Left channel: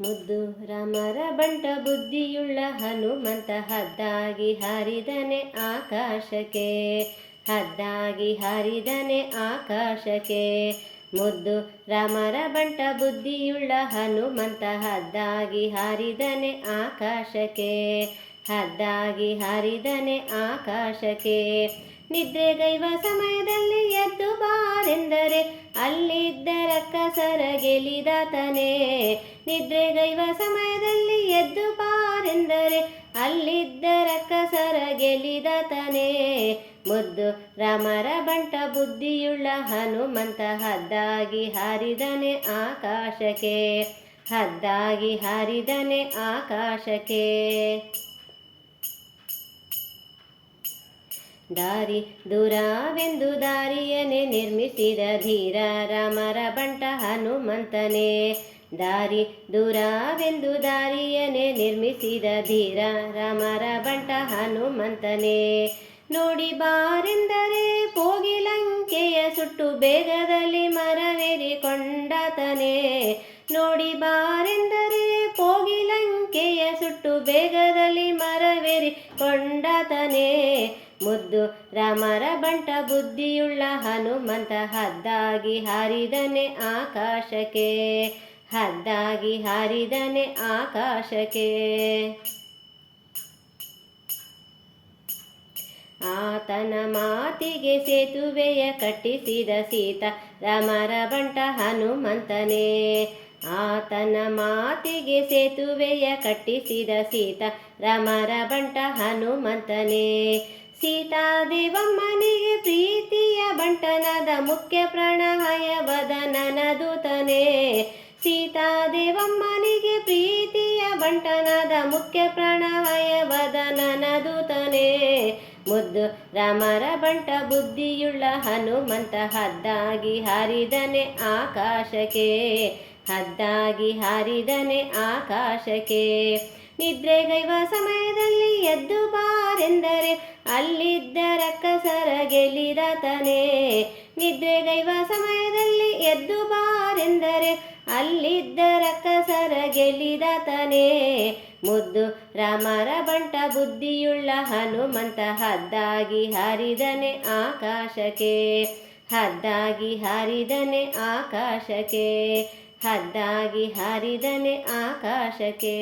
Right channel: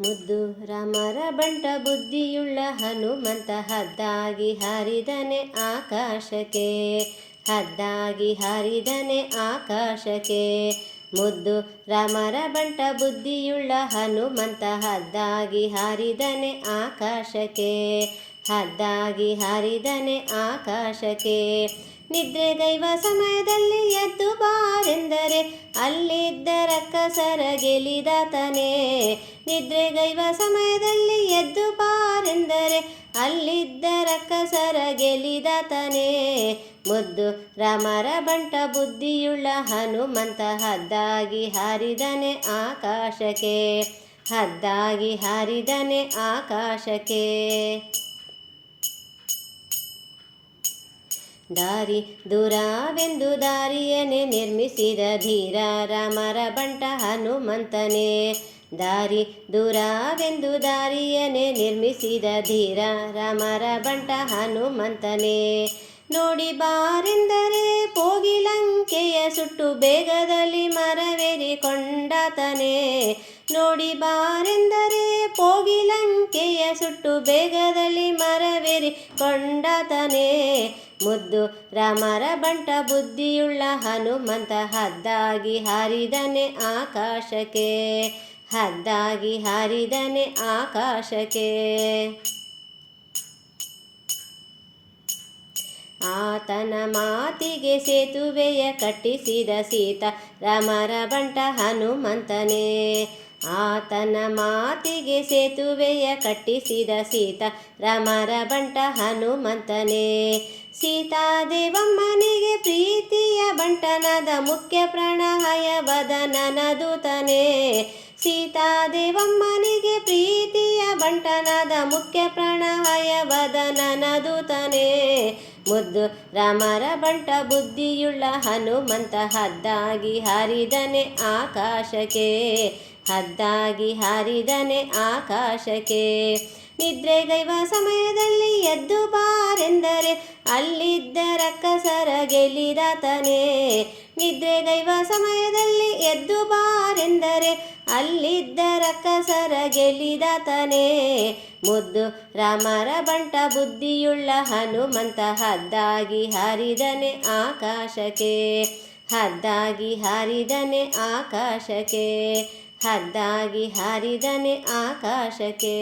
ಮುದ್ದು ರಾಮರ ಬಂಟ ಬುದ್ಧಿಯುಳ್ಳ ಹನುಮಂತ ಹದ್ದಾಗಿ ಹಾರಿದನೆ ಆಕಾಶಕ್ಕೆ, ಹದ್ದಾಗಿ ಹಾರಿದನೆ ಆಕಾಶಕ್ಕೆ. ಮುದ್ದು ರಾಮರ ಬಂಟ ಬುದ್ಧಿಯುಳ್ಳ ಹನುಮಂತ ಹದ್ದಾಗಿ ಹಾರಿದನೆ ಆಕಾಶಕ್ಕೆ, ಹದ್ದಾಗಿ ಹಾರಿದನೆ ಆಕಾಶಕ್ಕೆ. ನಿದ್ರೆಗೈವ ಸಮಯದಲ್ಲಿ ಎದ್ದು ಬಾರೆಂದರೆ ರಕ್ಕಸರ ಗೆಲಿದಾತನೇ ನಿದ್ರೆಗೈವ ಸಮಯದಲ್ಲಿ ಎದ್ದು ಪಾರೆಂದರೆ, ಅಲ್ಲಿದ್ದ ರಕ್ಕಸರ ಗೆಲಿದಾತನೇ ಮುದ್ದು ರಾಮರ ಬಂಟ ಬುದ್ಧಿಯುಳ್ಳ ಹನುಮಂತ ಹದ್ದಾಗಿ ಹಾರಿದನೆ ಆಕಾಶಕ್ಕೆ, ಹದ್ದಾಗಿ ಹಾರಿದನೆ ಆಕಾಶಕ್ಕೆ. ದಾರಿ ದೂರವೆಂದು ದಾರಿಯನೆ ನಿರ್ಮಿಸಿದ ಧೀರ ರಾಮರ ಬಂಟ ಹನುಮಂತನೇ. ದಾರಿ ದೂರವೆಂದು ದಾರಿಯನೆ ನಿರ್ಮಿಸಿದ ಧೀರ ರಾಮರ ಬಂಟ ಹನುಮಂತನೇ. ನೋಡಿ ಬಾರೆಂದರೆ ಕೋಗಿಲಂಕೆಯ ಸುಟ್ಟು ಬೇಗದಲ್ಲಿ ಮರವೇರಿ ಕೊಂಡತನೆ ನೋಡಿ ಬಾರೆಂದರೆ ಕೋಗಿಲಂಕೆಯ ಸುಟ್ಟು ಬೇಗದಲ್ಲಿ ಮರವೇರಿ ಕೊಂಡಾತನೇ ಮುದ್ದು ರಾಮರ ಬಂಟ ಬುದ್ಧಿಯುಳ್ಳ ಹನುಮಂತ ಹದ್ದಾಗಿ ಹಾರಿದನೆ ಆಕಾಶಕ್ಕೆ, ಹದ್ದಾಗಿ ಹಾರಿದನೆ ಆಕಾಶಕ್ಕೆ. ಆತನ ಮಾತಿಗೆ ಸೇತುವೆಯ ಕಟ್ಟಿಸಿದ ಸೀತ ರಾಮರ ಬಂಟ ಹನುಮಂತನೇ. ಆತನ ಮಾತಿಗೆ ಸೇತುವೆಯ ಕಟ್ಟಿಸಿದ ಸೀತ ರಾಮರ ಬಂಟ ಹನುಮಂತನೇ. ಸೀತಾದೇವಮ್ಮನಿಗೆ ಪ್ರೀತಿಯ ಬಂಟನದ ಮುಖ್ಯ ಪ್ರಣಯ ವದನನ ಸೀತಾ ಸೀತಾದೇವಮ್ಮನಿಗೆ ಪ್ರೀತಿಯ ಬಂಟನದ ಮುಖ್ಯ ಪ್ರಣಯ ಬದನ ದೂತನೇ ಮುದ್ದು ರಾಮರ ಬಂಟ ಬುದ್ಧಿಯುಳ್ಳ ಹನುಮಂತ ಹದ್ದಾಗಿ ಹಾರಿದನೆ ಆಕಾಶಕ್ಕೆ. ಹದ್ದಾಗಿ ಹಾರಿದನೆ ಆಕಾಶಕ್ಕೆ. ನಿದ್ರೆಗೈವ ಸಮಯದಲ್ಲಿ ಎದ್ದು ಬಾರೆಂದರೆ ಅಲ್ಲಿದ್ದ ರಕ್ಕಸರ ಗೆಲ್ಲಿದಾತನೇ ನಿದ್ರೆಗೈವ ಸಮಯದಲ್ಲಿ ಎದ್ದು ಬಾರೆಂದರೆ, ಅಲ್ಲಿದ್ದ ರಕ್ಕಸರ ಗೆಲ್ಲಿದಾತನೇ ಮುದ್ದು ರಾಮರ ಬಂಟ ಬುದ್ಧಿಯುಳ್ಳ ಹನುಮಂತ ಹದ್ದಾಗಿ ಹಾರಿದನೆ ಆಕಾಶಕ್ಕೆ, ಹದ್ದಾಗಿ ಹಾರಿದನೆ ಆಕಾಶಕ್ಕೆ, ಹದ್ದಾಗಿ ಹಾರಿದನೆ ಆಕಾಶಕ್ಕೆ.